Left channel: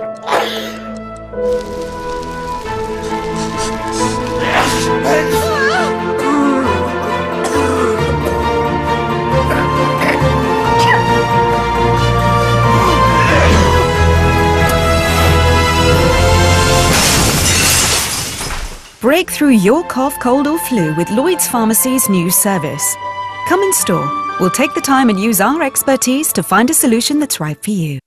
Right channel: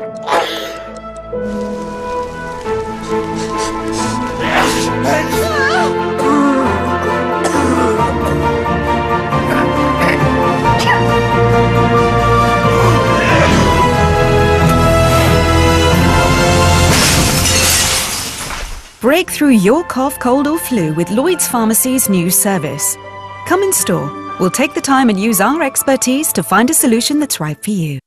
Break through your cough, cold or flu with Lloyds Pharmacy's new service. Come in store. We'll take the time and use our expertise to find a solution that's right for you.